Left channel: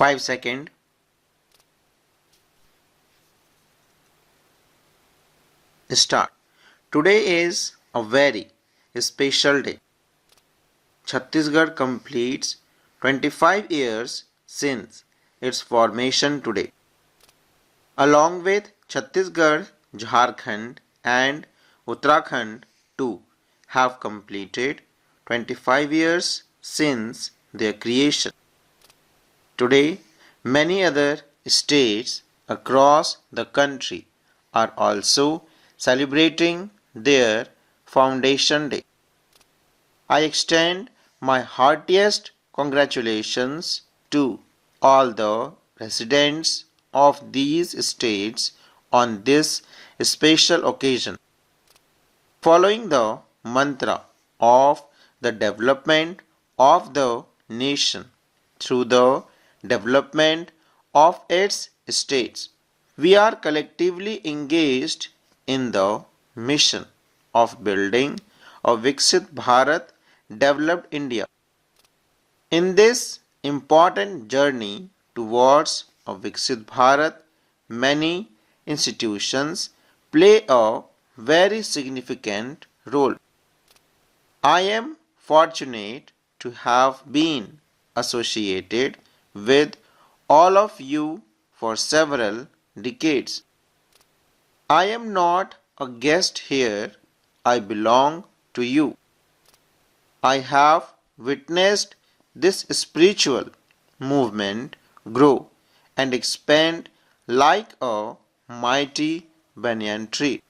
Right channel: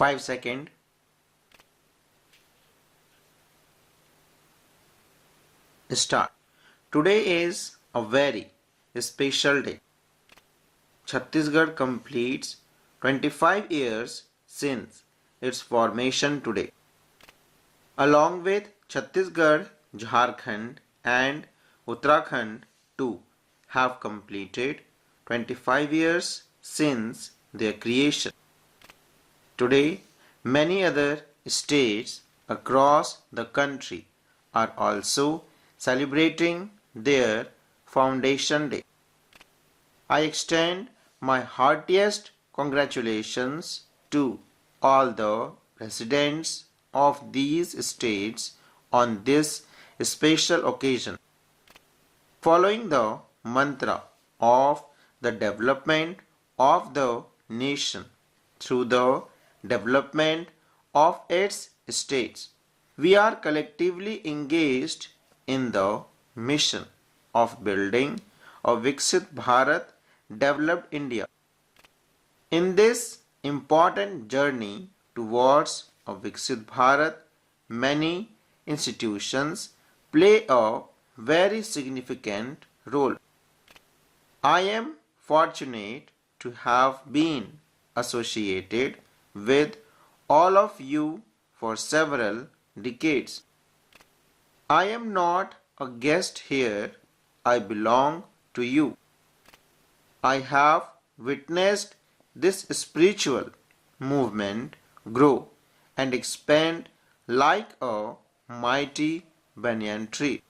5 seconds. Start. Today is a very special day. Chhattisgarh completes 25 years since its formation today. Along with Chhattisgarh, Jharkhand and Uttarakhand too have completed 25 years since their creation. Today, many other states across the country are also celebrating their Foundation Day. I extend my heartiest congratulations to all the residents of these states on this special occasion. Following the mantra of the development of the nation through the development of its states, we are collectively engaged in the mission of building a Viksit Bharat, developed India. In this important journey towards a Viksit Bharat, many institutions play a very significant role. I am fortunate to have been associated with all of you for several decades. I am not a guest here, I belong to you. I have witnessed this spiritual movement grow and expand like a mighty banyan tree.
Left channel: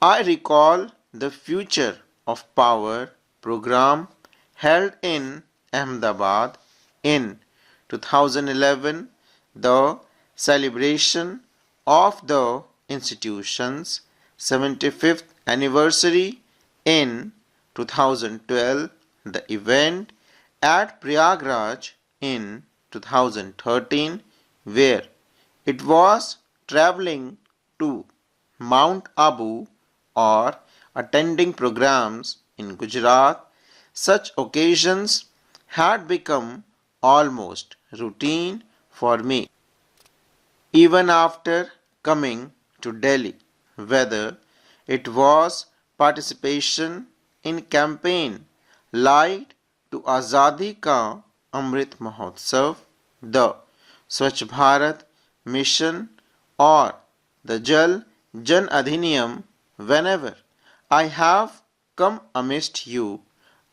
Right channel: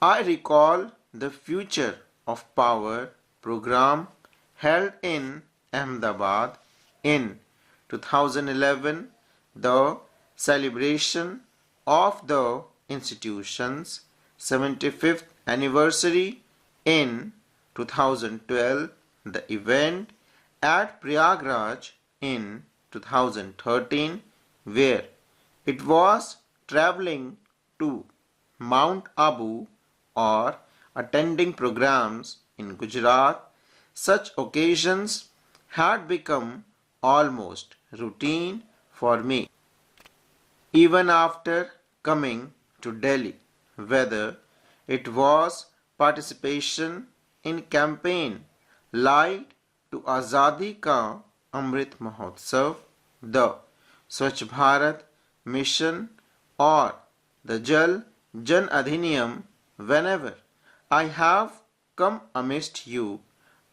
I recall the Future of Power program held in Ahmedabad in 2011, the celebration of the institution's 75th anniversary in 2012, the event at Prayagraj in 2013, where it was traveling to Mount Abu or attending programs in Gujarat. Such occasions had become almost routine for me. Even after coming to Delhi, whether it was participation in campaign like to Azadi Ka Amrit Mahotsav, the Swachh Bharat mission or the Jal Jan Adhiniyam, whenever I have come amidst you,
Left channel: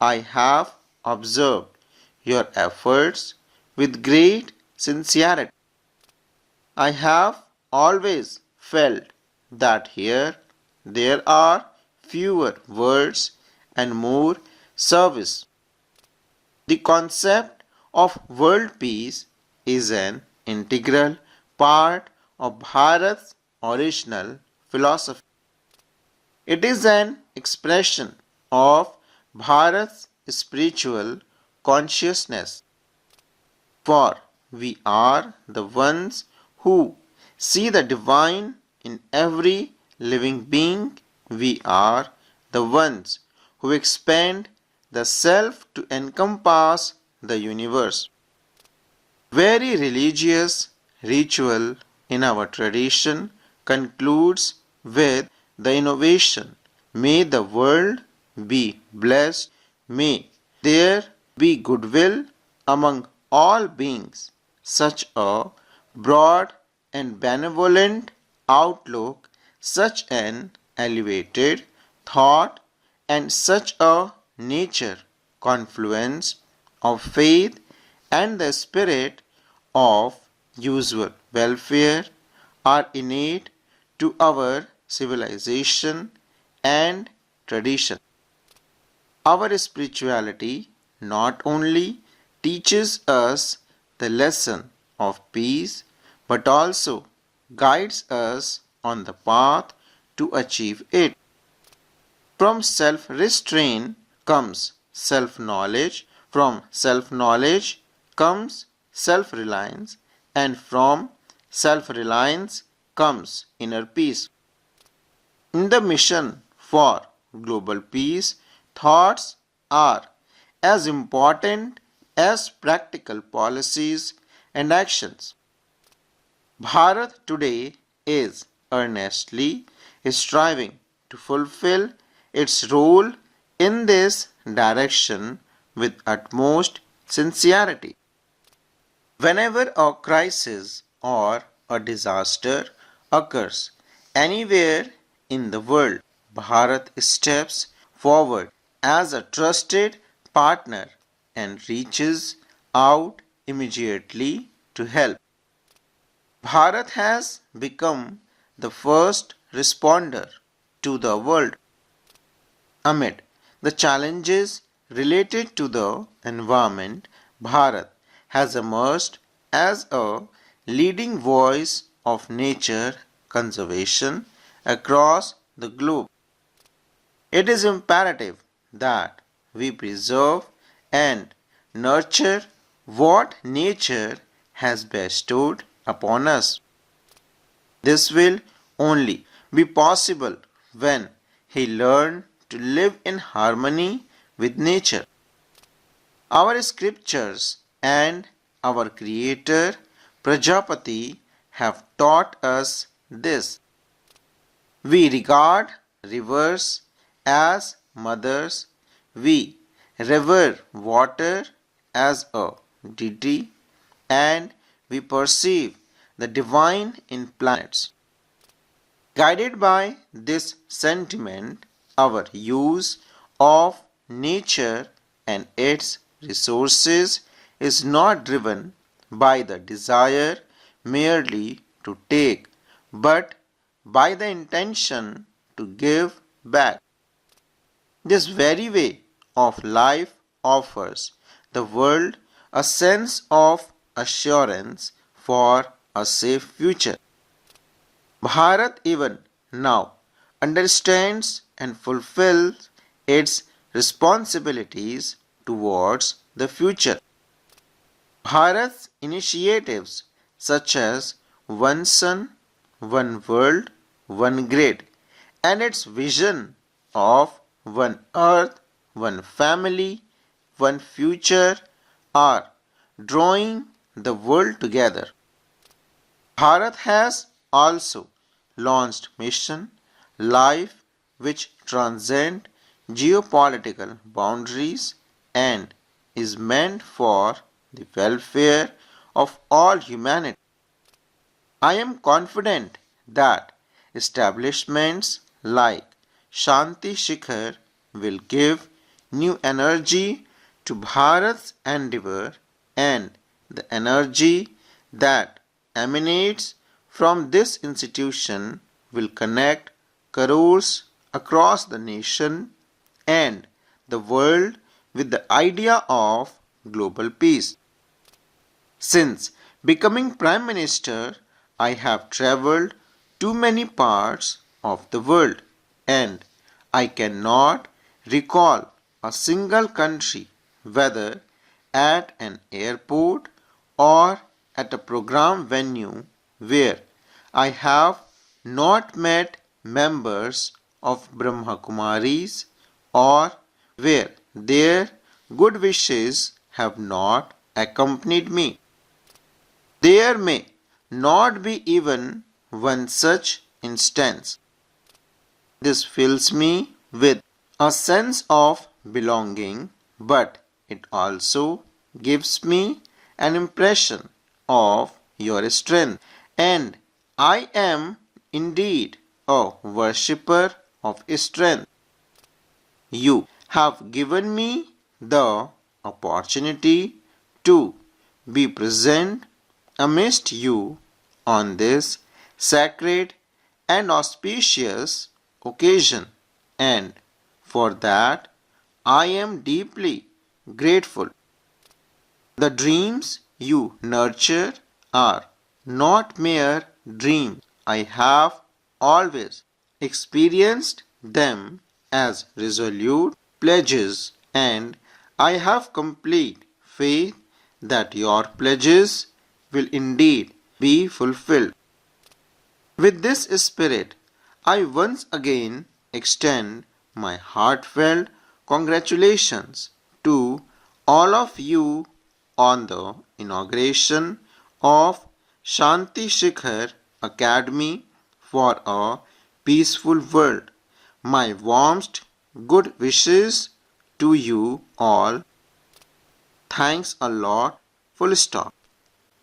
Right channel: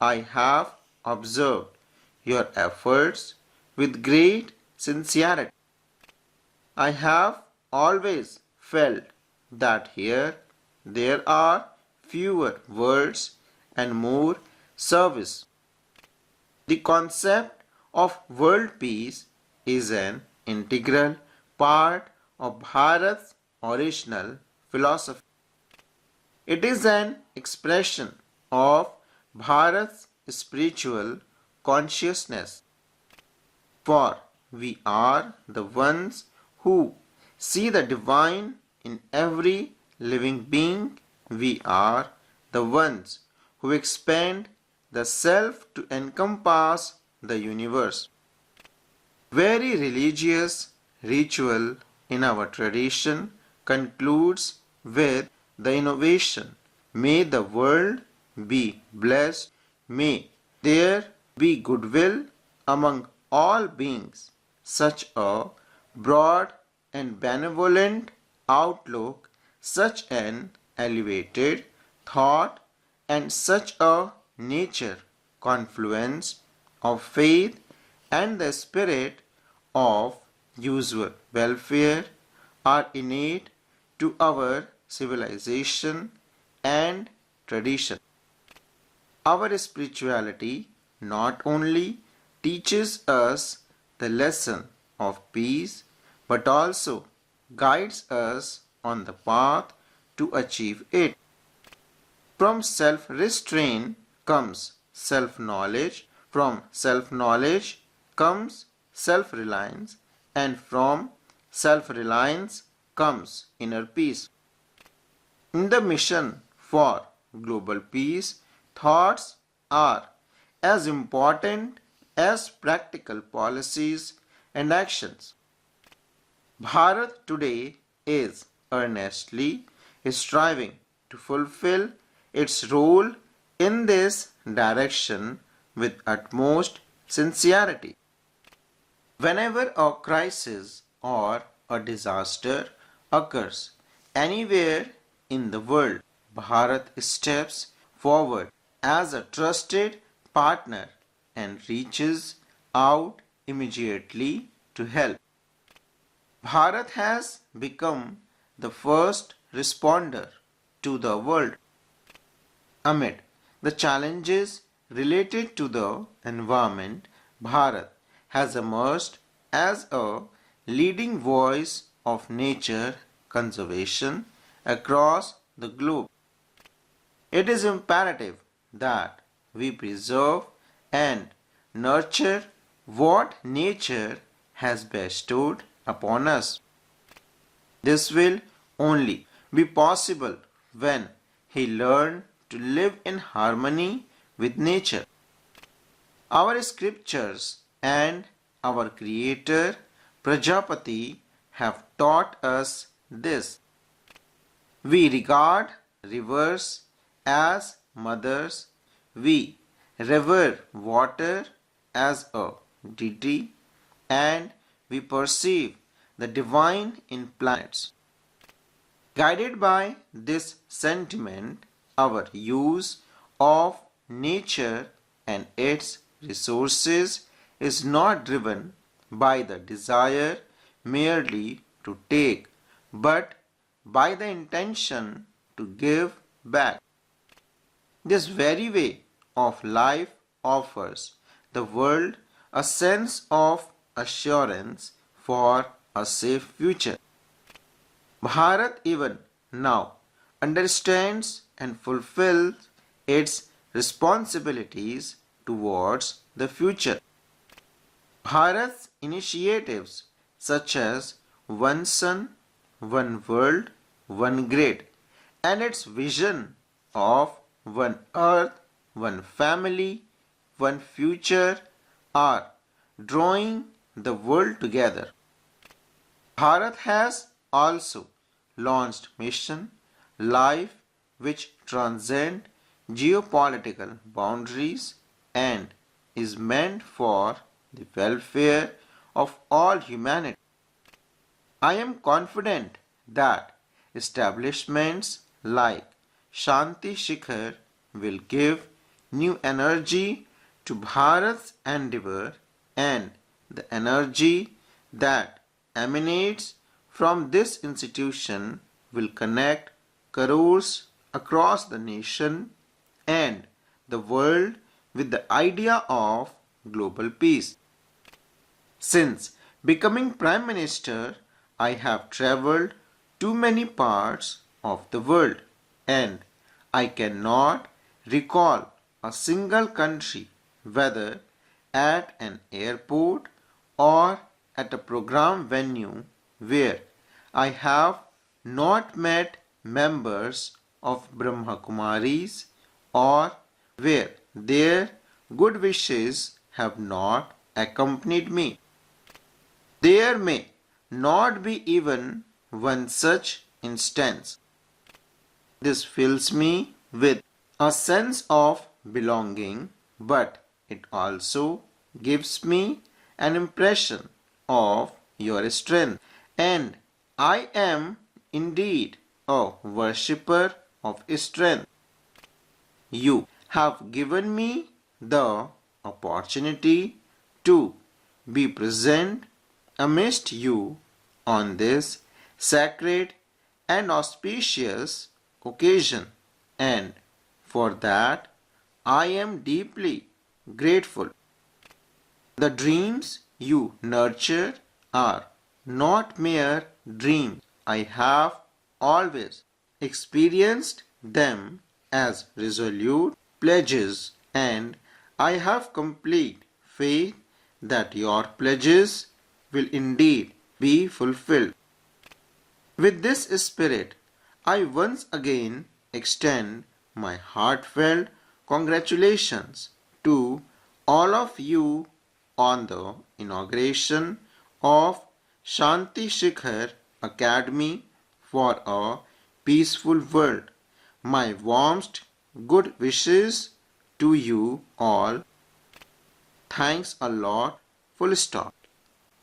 I have observed your efforts with great sincerity. I have always felt that here there are fewer words and more service. The concept of world peace is an integral part of Bharat's original philosophy. It is an expression of Bharat's spiritual consciousness. For we are the ones who see the divine in every living being. We are the ones who expand the self to encompass the universe. Very religious ritual in our tradition concludes with the innovation. May the world be blessed. May there be goodwill among all beings. Such a broad and benevolent outlook, such an elevated thought, and such a nature confluence of faith and the spirit of usual welfare are innate to our civilization and tradition. Our spirituality not only teaches us the lesson of peace but also guides us on the path to achieve it. From self-restraint comes self-knowledge, from self-knowledge comes self-reliance, and from self-reliance comes inner peace. In the mission for global peace, thoughts are as important as practical policies and actions. Bharat today is earnestly striving to fulfill its role in this direction with utmost sincerity. Whenever a crisis or a disaster occurs anywhere in the world, Bharat steps forward as a trusted partner and reaches out immediately to help. Bharat has become the first responder to the world amid the challenges related to the environment. Bharat has emerged as a leading voice of nature conservation across the globe. It is imperative that we preserve and nurture what nature has bestowed upon us. This will only be possible when he learned to live in harmony with nature. Our scriptures and our Creator Prajapati have taught us this. We regard rivers as mothers. We revere water as a deity, and we perceive the divine in planets. Guided by this sentiment, our use of nature and its resources is not driven by the desire merely to take, but by the intention to give back. This very way of life offers the world a sense of assurance for a safe future. Bharat even now understands and fulfills its responsibilities towards the future. Bharat's initiatives such as One Sun, One World, One Grid, and its vision of One Earth, One Family, One Future are drawing the world together. Bharat has also launched mission Life which transcend geopolitical boundaries and is meant for the welfare of all humanity. I am confident that establishments like Shanti Shikhar will give new energy to Bharat's endeavor, and the energy that emanates from this institution will connect crores across the nation and the world with the idea of global peace. Since becoming Prime Minister, I have travelled to many parts of the world, and I cannot recall a single country, whether at an airport or at a program venue, where I have not met members of Brahma Kumaris or where their good wishes have not accompanied me. There may not be even one such instance. This fills me with a sense of belonging, but it also gives me an impression of your strength, and I am indeed a worshipper of strength. You have given me the opportunity to be present amidst you on this sacred and auspicious occasion, and for that I am deeply grateful. The dreams you nurture are not mere dreams. I have always experienced them as resolute pledges, and I have complete faith that your pledges will indeed be fulfilled. With this spirit, I once again extend my heartfelt congratulations to all of you on the inauguration of Shanti Shikhar Academy for a peaceful world. My warmest good wishes to you all. Thanks a lot. Full stop.